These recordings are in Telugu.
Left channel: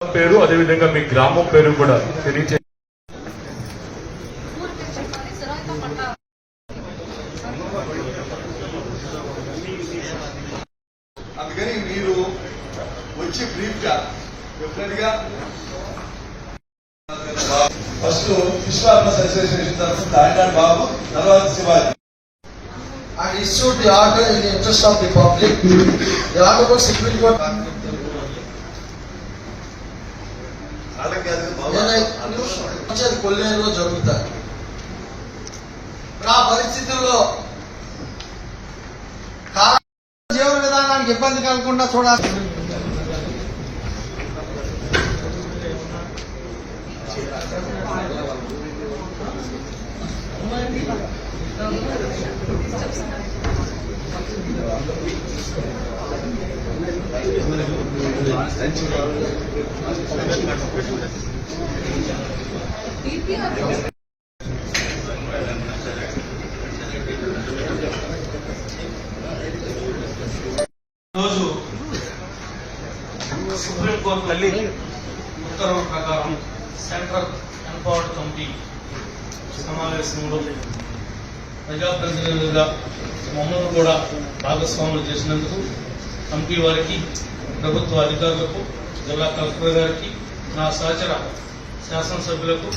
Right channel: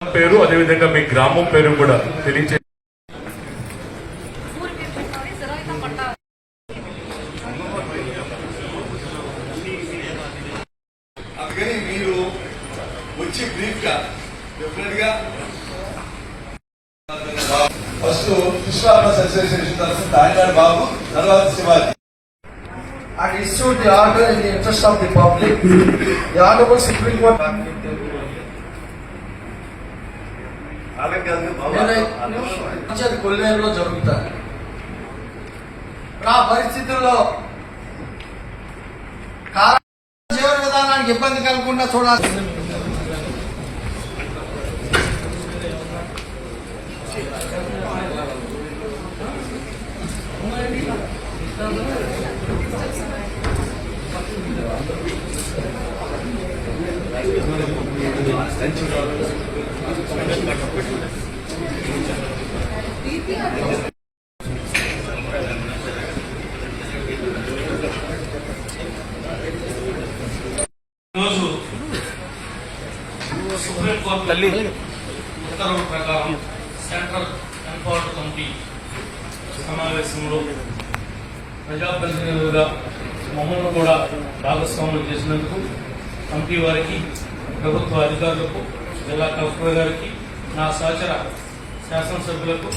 పేరు అదేవిధంగా మీ గ్రామం పేరు కూడా తెలియజే అందుకని మీరు వచ్చి బ్రీఫ్గా డెఫినెట్గా ఫస్ట్ విశ్వాస అసోసియేషన్ తరఫున దాడివాడి బాబు తర్వాత Shivaji. I issued the order in the interest of the public. The Honorable Supreme Court. నేను కొల్లేరులో జరుగుతాయి ఆ పరిస్థితుల్లో కాల జీవన విధానానికి ఇబ్బంది కలగకుండా చూడాలి ఈరోజు సుప్రీంకోర్టు తల్లి ఉత్తర్వుల ప్రకారం సెంట్రల్ ఎన్పవర్డ్ కమిటీ సమావేశంలో ప్రజాప్రతినిధులుగా మమ్మల్ని కూడా భాగస్వాములు చేసినందుకు కమిటీ వారికి ప్రభుత్వ అధికారులకు జిల్లా కలెక్టర్ గారికి నా సహచర శాసనసభ్యులకు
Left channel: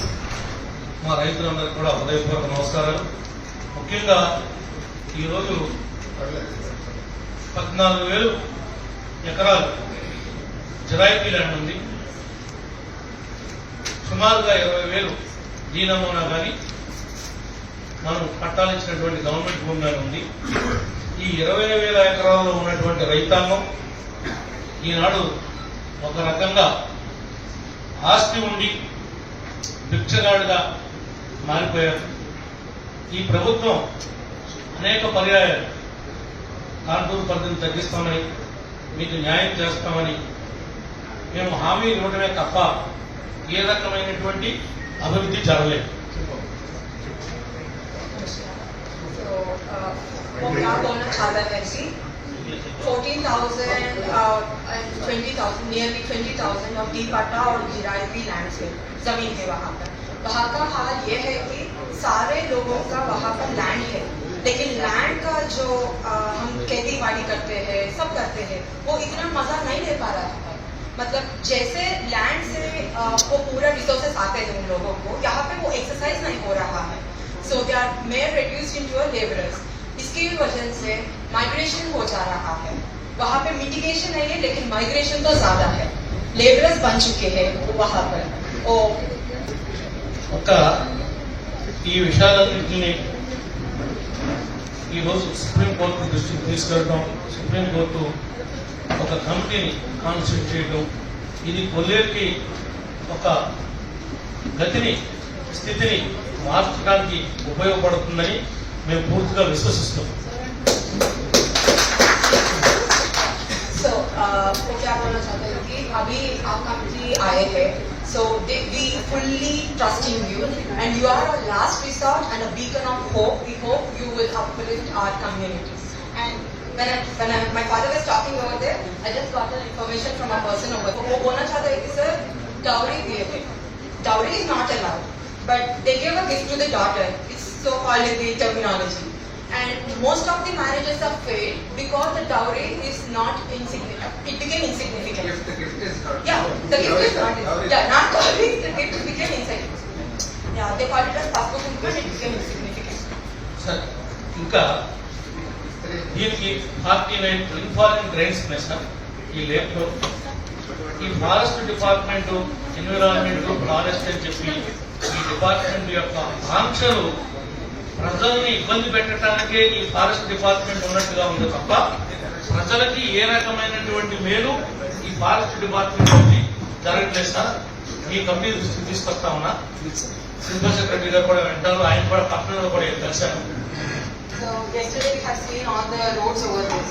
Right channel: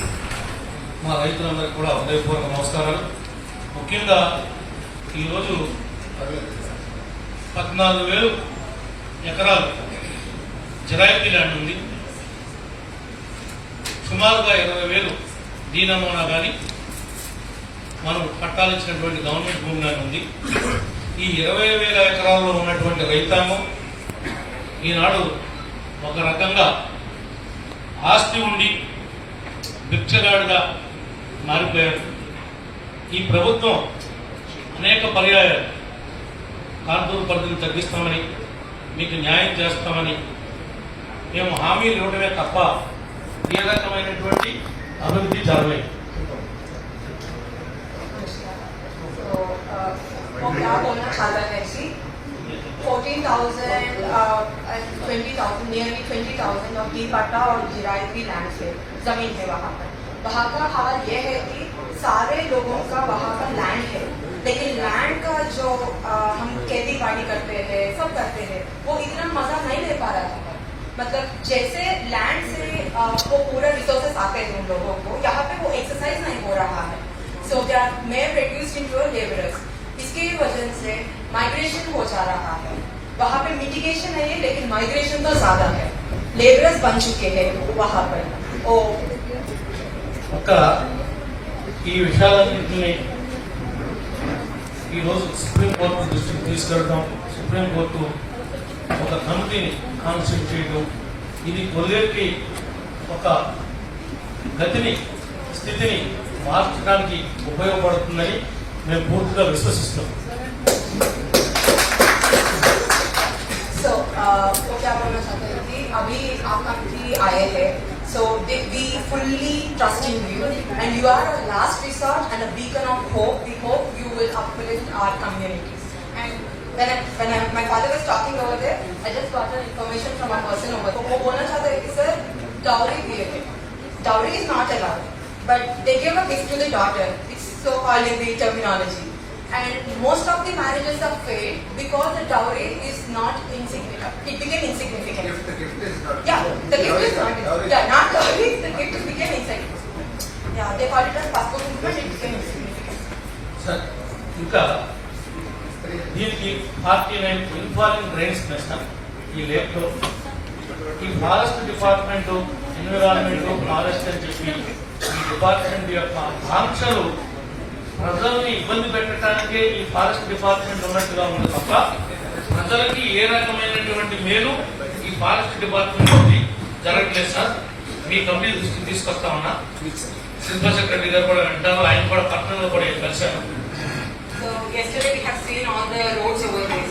మా రైతులందరికీ కూడా హృదయపూర్వక నమస్కారాలు. ముఖ్యంగా ఈరోజు పద్నాలుగు వేలు ఎకరాలు జిరాయితీ ల్యాండ్ ఉంది. సుమారుగా ఇరవై వేలు దీనమూనా కానీ మనం పట్టాలిచ్చినటువంటి గవర్నమెంట్ భూమి ఉంది. ఈ ఇరవై వేల ఎకరాల్లో ఉన్నటువంటి రైతాంగం ఈనాడు ఒక రకంగా ఆస్తి ఉండి భిక్షగాడుగా మారిపోయారు ఈ ప్రభుత్వం అనేక పర్యాయాలు కాంటూరు పరిధిని తగ్గిస్తామని మీకు న్యాయం చేస్తామని మేము హామీలు ఇవ్వడమే తప్ప ఏ రకమైనటువంటి అభివృద్ధి జరగలేదు. చాలా కలిసి क्या बोलना चाहता है कि 14,000 uh, 20,000 नियरली 20,000 ऑफ़ डी पट्टा और लैंड से ज़मीन है वहाँ पर। वहाँ का हाल ये है कि सारे लोगों का वहाँ पर लैंड है। लेकिन लैंड का जो uh, हम खेती बाड़ी करते हैं सब करते हैं वो इतना मज़ा नहीं ले पा रहा था। मतलब जैसे लैंड से uh, वो पूरा रिसोर्सेस आते हैं उन लोगों को यहाँ पे वो एक्सरसाइज नहीं हो रहा है। So they are may reduce in your labourers इसकी वजह से माइग्रेशन हो जा रहा है वहाँ पे मिटिगेशन है ये लेकिन माइग्रेशन तो ज्यादा है लेबरर्स बन चुके हैं वहाँ पर ओ ఒక ఈ విషయాలన్నింటినీ ఈరోజు సుప్రీంకోర్టు దృష్టికి తీసుకెళ్ళడం సుప్రీంకోర్టు ఒక కమిటీని కాన్స్టిట్యూట్ చేయడం ఇది కొల్లేరుకి ఒక గతిని స్థితిని మార్చడానికి ఉపయోగపడుతుందని మేము పూర్తిగా విశ్వసిస్తున్నాం सो वो क्या बोलना चाहते हैं कि अभी आप कंपनी आए हैं so we fully trust in you and you are a last resort and a beacon of hope we hope you will uplift our communities and when I, when I, my father was talking over there I just got an information from a person over there वो बोलना चाहते हैं कि सर dowry दिए थे dowry is not allowed but they give a gift to the daughter it's so called in the terminology And most of the marriages have failed because the dowry is not insignificant. It became insignificant. Gift, the gift is not. Yeah, the gift is not. Dowry. Yeah, not dowry. The gift became insignificant. Yeah, they call it as passport increment. It became insignificant. Sir ఇంకా దీనికి ఫార్టీ నైన్ ఇన్ఫాలింగ్ డ్రైన్స్ ఉన్నాయి సార్ ఈ లేక్లో ఈ ఫారెస్ట్ డిపార్ట్మెంట్ ఎన్విరాన్మెంట్ ఫారెస్ట్ అని చెప్పి ఈ డిపార్ట్మెంట్ యొక్క ఆంక్షలు ప్రజల్ని ఇబ్బంది పెట్టడానికే ఈ ఫారెస్ట్ డిపార్ట్మెంట్ ఉన్నట్టుగా ఉంది తప్ప ప్రజలకి ఏ రకమైనటువంటి మేలు ఈ ఫారెస్ట్ డిపార్ట్మెంట్ నుండి జరగట్లేదు సార్ మీ కంపెనీ దృష్టికి తీసుకొస్తా ఉన్నా శిల్ప సెక్రటరీ గారు కూడా అంటారు ఆయన కూడా పట్టణంలో కూడా కలిశారు So yesterday we have seen all the roads over there.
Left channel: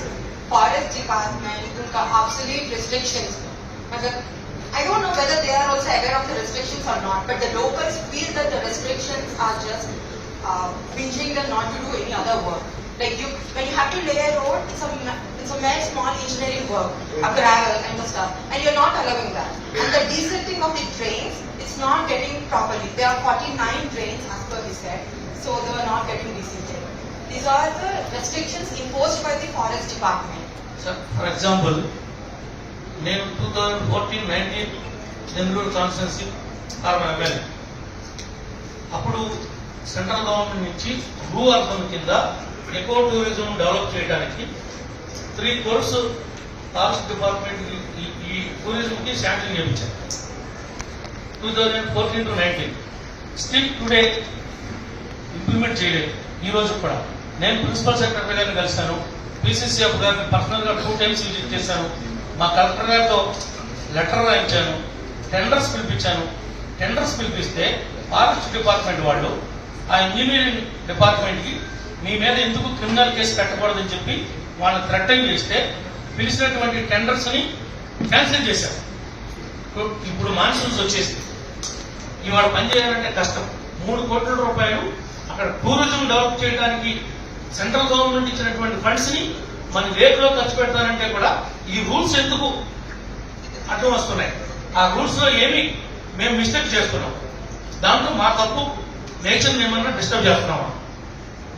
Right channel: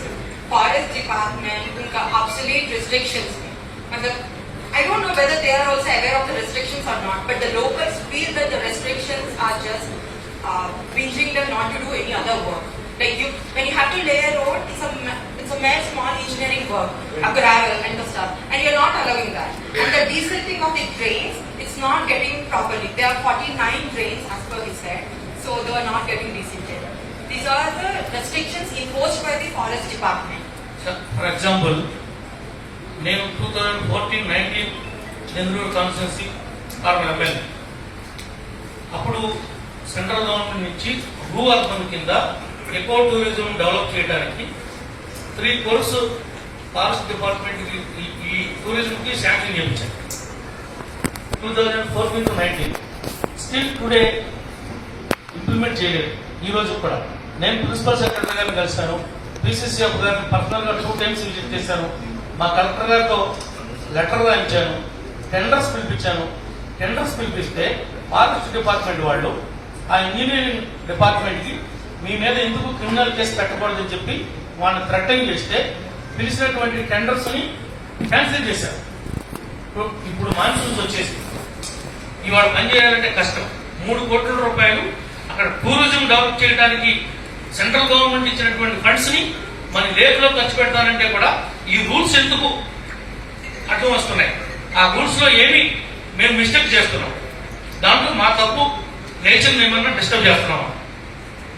Forest department, उनका obsolete restrictions. मतलब I don't know whether they are also aware of the restrictions or not, but the locals feel that the restrictions are just uh, binging them not to do any other work. Like you, when you have to lay a road, it's a ma- It's a mere small engineering work, a gravel and the stuff, and you're not allowing that. And the desilting of the drains, it's not getting properly. There are 49 drains as per he said, so they were not getting desilted. These are the restrictions imposed by the forest department. For example నేను two thousand fourteen nineteen Nellore constituency army MLA అప్పుడు సెంట్రల్ గవర్నమెంట్ నుంచి భూ అర్పణ కింద ఎకో టూరిజం డెవలప్ చేయడానికి త్రీ కోర్స్ ఫారెస్ట్ డిపార్ట్మెంట్ ఈ టూరిజంకి శాంక్షన్ చేయించారు. Two thousand fourteen to nineteen. Still today implement చేయలేదు. ఈ రోజు కూడా. నేను ప్రిన్సిపల్ సెక్రటరీ గారిని కలిశాను. పిసిసిఎఫ్ గారిని పర్సనల్గా టూ టైమ్స్ విజిట్ చేశాను. మా కలెక్టర్ గారితో లెటర్ రాయించాను. టెండర్స్ పిలిపించాను. టెండర్స్ పిలిపిస్తే ఫారెస్ట్ డిపార్ట్మెంట్ వాళ్ళు ఆ ఇంజనీరింగ్ డిపార్ట్మెంట్కి మీ మీద ఎందుకు క్రిమినల్ కేసు పెట్టకూడదని చెప్పి వాళ్ళని థ్రెటన్ చేస్తే పిలిచినటువంటి టెండర్స్ని క్యాన్సిల్ చేశారు. ఇప్పుడు మాన్సూన్స్ వచ్చేసి ఇవాళ పని చేయాలంటే కష్టం. మూడు కోట్ల రూపాయలు అక్కడ టూరిజం డెవలప్ చేయడానికి సెంట్రల్ గవర్నమెంట్ ఇచ్చినటువంటి ఫండ్స్ని మన లేకులో ఖర్చు పెట్టాలంటే కూడా ఈ రూల్స్ ఎందుకు అడ్డం వస్తున్నాయి ఆ రూల్స్లో ఏమి మేము మిస్టేక్ చేస్తున్నాం. దాంట్లో మా తప్పు నేచర్ ఏమన్నా డిస్టర్బ్ చేస్తున్నామా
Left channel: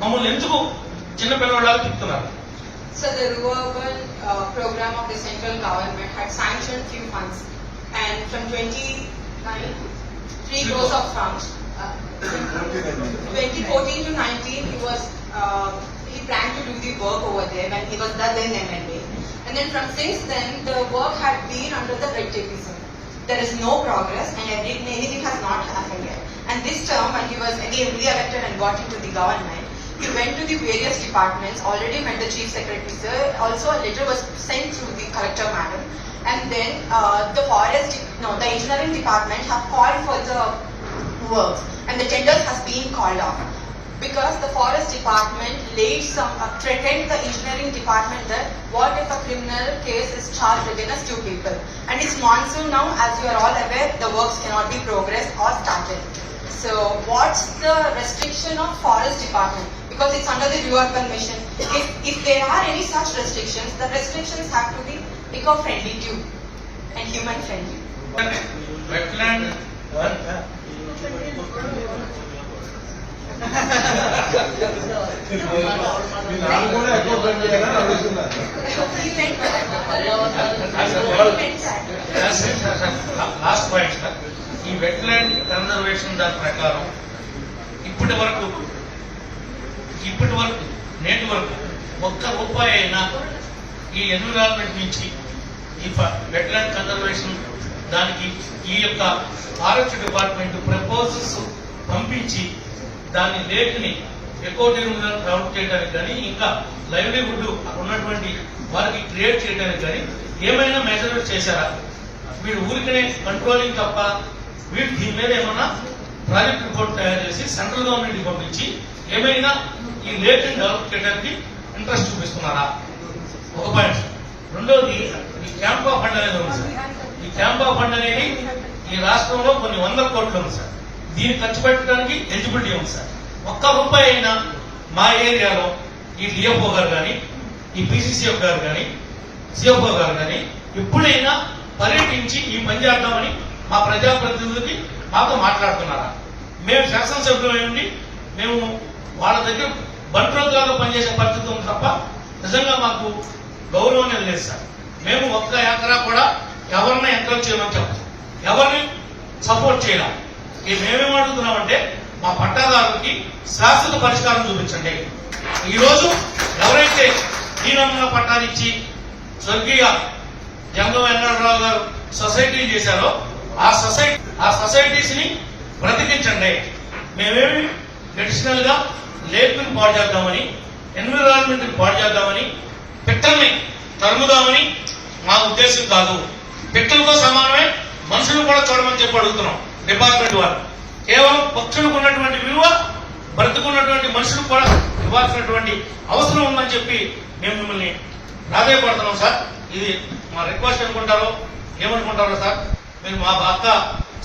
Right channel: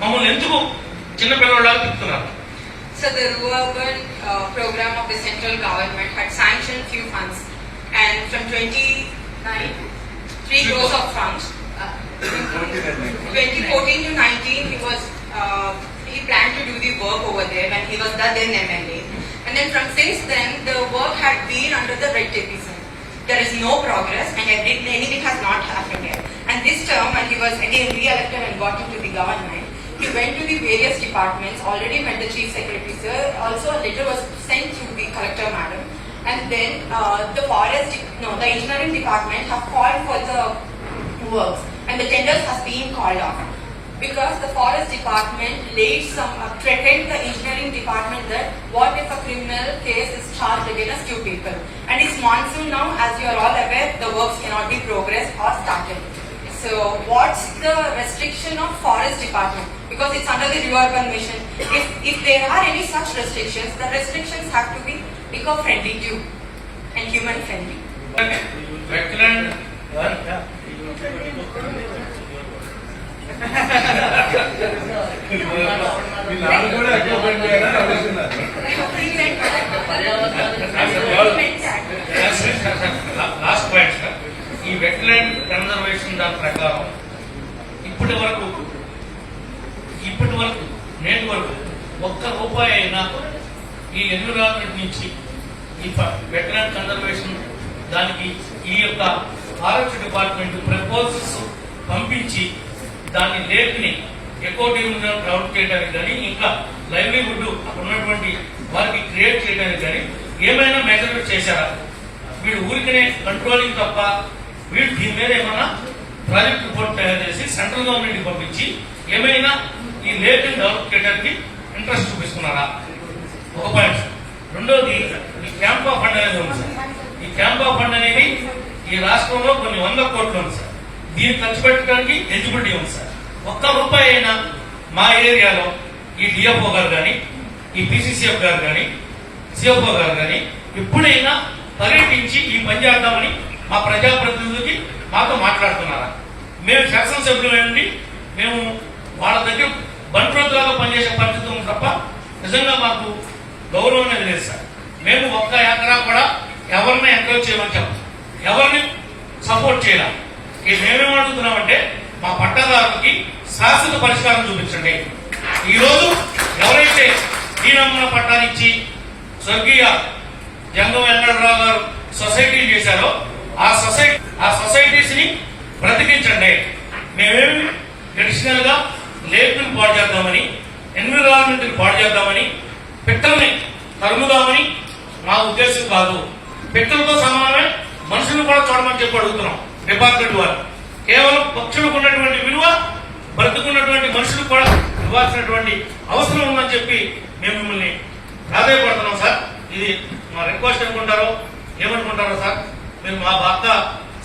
మమ్మల్ని ఎందుకు చిన్నపిల్లలాగా తిప్పుతున్నారు So the rural uh, program of the central government had sanctioned few funds and from 29, 3 crores of funds. Uh, 2014 to 19 he was, uh, he planned to do the work over there when he was the then MLA. And then from since then the work had been under the red tapeism. There is no progress and every, anything has not happened yet. This term when he was again re-elected and got into the government, he went to the various departments, already met the chief secretary sir, also a letter was sent to the collector madam. And then uh, the forest, no, the engineering department have called for the works and the tenders has been called off. Because the forest department laid some, uh, threatened the engineering department that what if a criminal case is charged against two people? And it's monsoon now, as you are all aware, the works cannot be progressed or started. So what's the restriction of forest department? Because it's under the reurban mission. If, if there are any such restrictions, the restrictions have to be eco-friendly too and human-friendly. Wetland. Last point. ఈ వెట్లాండ్ కన్జర్వేషన్ దాని ప్రకారం ఇప్పటి వరకు ఇప్పటి వరకు నేటి వరకు ఒక్క రూపాయి అయినా ఈ ఎన్విరాన్మెంట్ నుంచి ఈ వెట్లాండ్ కన్జర్వేషన్ దానికి ఈ యొక్క ఆరోగ్య డిపార్ట్మెంట్ ప్రపోజల్స్ పంపించి దాని లేక్ని ఎక్కువ డెవలప్ చేయడానికి కానీ ఇంకా లైవ్లీహుడ్ అక్కడ ఉన్నటువంటి వారికి క్రియేట్ చేయడానికి కానీ ఏమైనా మెజర్మెంట్ చేశారా? వీడు ఊరికనే కంట్రోలింగ్ తప్ప వీటి దీని మీద ఏమన్నా ప్రాజెక్ట్ రిపోర్ట్ తయారు చేసి సెంట్రల్ గవర్నమెంట్కి పంపించి ఏమైనా ఈ లేక్ డెవలప్ చేయడానికి ఇంట్రెస్ట్ చూపిస్తున్నారా? ఒక పాయింట్. సార్. రెండోది ఈ క్యాంపా ఫండ్ అనేది ఉంది సార్. ఈ క్యాంపా ఫండ్ అనేది ఈ రాష్ట్రంలో కొన్ని వందల కోట్లు ఉంది సార్. దీన్ని ఖర్చు పెట్టడానికి ఎలిజిబిలిటీ ఉంది సార్. ఒక్క రూపాయి అయినా మా ఏరియాలో ఈ డిఎఫ్ఓ గారు కానీ ఈ పిసిసిఎఫ్ గారు కానీ సిఎఫ్ఓ గారు కానీ ఎప్పుడైనా పర్యటించి ఈ పని చేద్దామని మా ప్రజాప్రతినిధులు మాతో మాట్లాడుతున్నారా? మేము శాసనసభ్యులు మేము వాళ్ళ దగ్గర బంట్రోతులాగా పనిచేసే పరిస్థితి ఉంది తప్ప నిజంగా మాకు గౌరవం అనేది లేదు సార్. మేము ఒక్క ఎకరా కూడా ఎవరిని ఎంకరేజ్ చేయమని చెప్పం. ఎవరిని సపోర్ట్ చేయడం. ఇది మేమేం అడుగుతున్నామంటే మా పట్టాదారులకి శాశ్వత పరిష్కారం చూపించండి. ఈరోజు ఎవరైతే వీరమ్మన పట్టాలిచ్చి స్వర్గీయ జంగం వెంకటరావు గారు సొసైటీలు చేశారో ఆ సొసైటీ ఆ సొసైటీస్ని బ్రతికించండి. మేమేమి ట్రెడిషనల్గా గా పాడు చేద్దామని ఎన్విరాన్మెంట్ని పాడు చేద్దామని పిట్టల్ని తరుముదామని మా ఉద్దేశం కాదు. పిట్టలతో సమానమే మనుషులు కూడా చూడమని చెప్పి అడుగుతున్నాం డిపార్ట్మెంట్ వారు కేవలం పక్షులకు ఉన్నటువంటి విలువ బ్రతుకున్నటువంటి మనుషులకు కూడా ఇవ్వాల్సినటువంటి అవసరం ఉందని చెప్పి మేము మిమ్మల్ని ప్రాధాయపడుతున్నాం సార్. ఇది మా రిక్వెస్ట్ అనుకుంటారో ఏమనుకుంటారో సార్? మీరు మా భర్త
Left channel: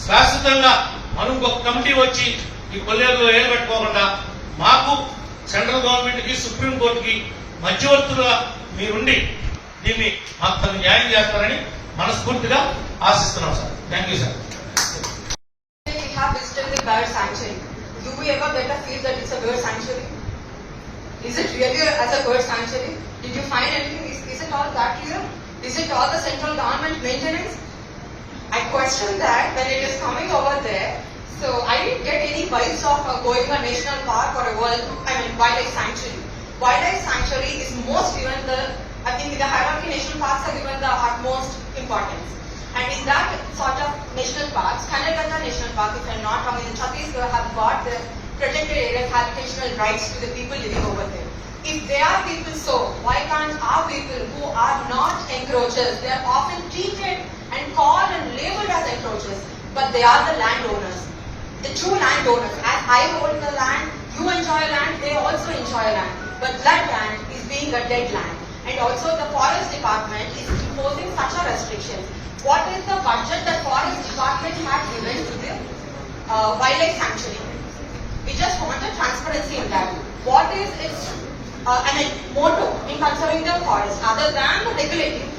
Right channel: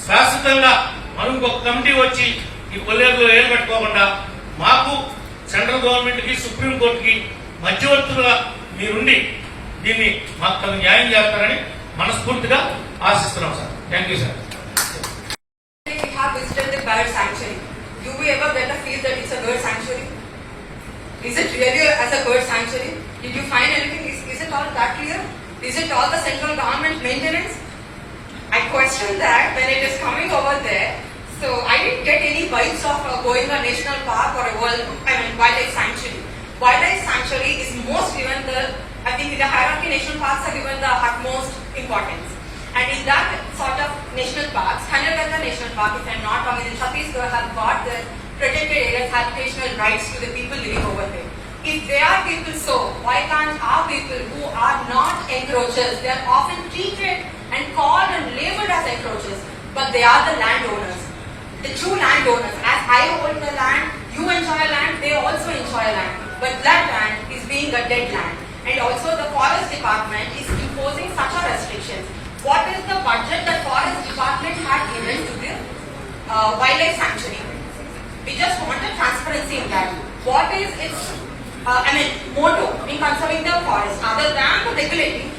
శాశ్వతంగా మనం ఒక కమిటీ వచ్చి ఈ కొల్లేరు నిలబెట్టుకోకుండా మాకు సెంట్రల్ గవర్నమెంట్కి సుప్రీం కోర్టు కి మధ్యవర్తులుగా మీరుండి దీన్ని మాకు తను న్యాయం చేస్తారని మనస్ఫూర్తిగా ఆశిస్తున్నాం sir thank you sir Is it really as a bird sanctuary? Did you find anything? Is, is it all that clear? Is it all the central government maintenance? I question that when it is coming over there. So I didn't get any vibes of uh, going a national park or a world, I mean wildlife sanctuary. Wildlife sanctuary is most given the, I think in the hierarchy national parks are given the utmost importance. And in that sort of national parks, Kanaganda National Park, if I'm not wrong, in Chhattisgarh have got the protected areas habitational rights to the people living over there. If they are people so, why can't our people who are not encroachers, they are often treated and called and labeled as encroachers, but they are the landowners, the true landowners. As I hold the land, you enjoy land, they also enjoy land. But that land is being a dead land. And also the forest department is imposing such a restrictions. What is the budget that forest department had given to the uh, wildlife sanctuary? We just wanted transparency in that. What is its, uh, I mean, motto in conserving the forest other than the regulating?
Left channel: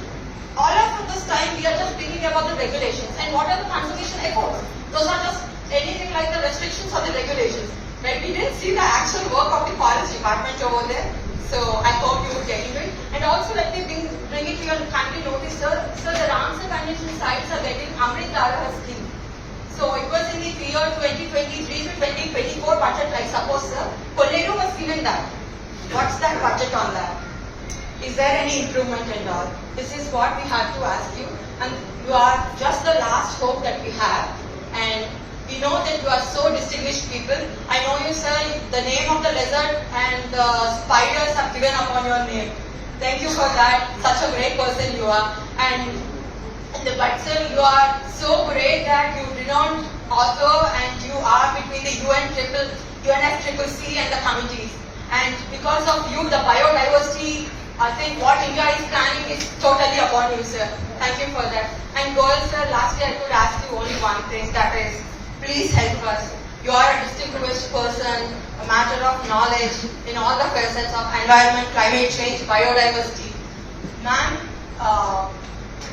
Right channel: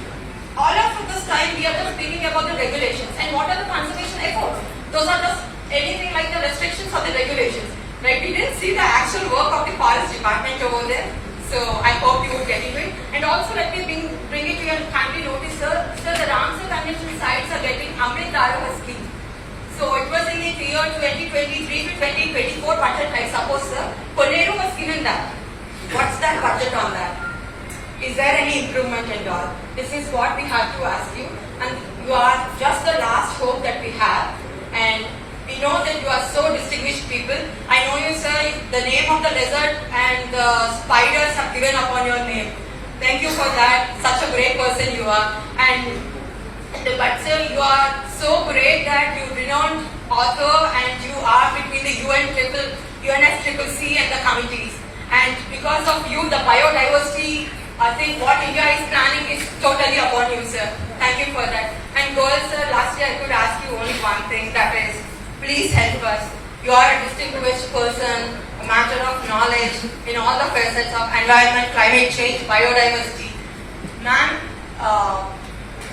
All of this time we are just thinking about the regulations and what are the conservation efforts? Those are just anything like the restrictions or the regulations. But we didn't see the actual work of the forest department over there. So I hope you would get it. And also let me bring, bring it to your kindly notice, sir. Sir, the Ramsar Convention sites are getting Amrit Dharawar scheme. So it was in the year 2023 to 2024 budget, I suppose, sir. Kolleru was given that. What's that budget on that? Is there any improvement and all? This is what we have to ask you. And you are just the last hope that we have. And we know that you are so distinguished people. I know you, sir. The name of the lizard and the spiders are given upon your name. Thank you for that. Such a great person you are. And the but sir, you are so great that you renowned author and you are between the UN triple, UNS triple C and the committees. And because of you, the biodiversity, I think what India is planning is totally upon you, sir. Thank you for that. And girls, sir, lastly, I could ask you only one thing, that is, please help us. You are a distinguished person, a matter of knowledge in all the facets of environment, climate change, biodiversity. Ma'am, uh,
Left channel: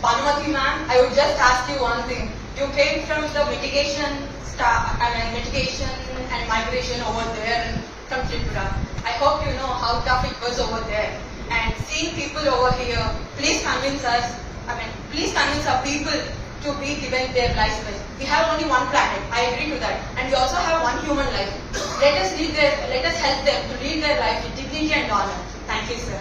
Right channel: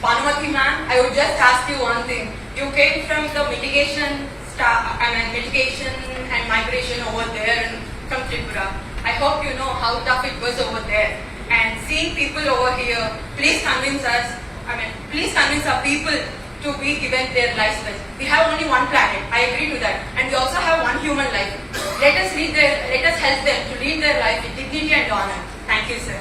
Bhanumati ma'am, I would just ask you one thing. You came from the mitigation I mean mitigation and migration over there and from Tripura. I hope you know how tough it was over there. Seeing people over here. Please convince us, I mean, please convince our people to be given their license. We have only one planet, I agree to that. And we also have one human life. Let us, lead their, let us help them to lead their life with dignity and honor. Thank you, sir.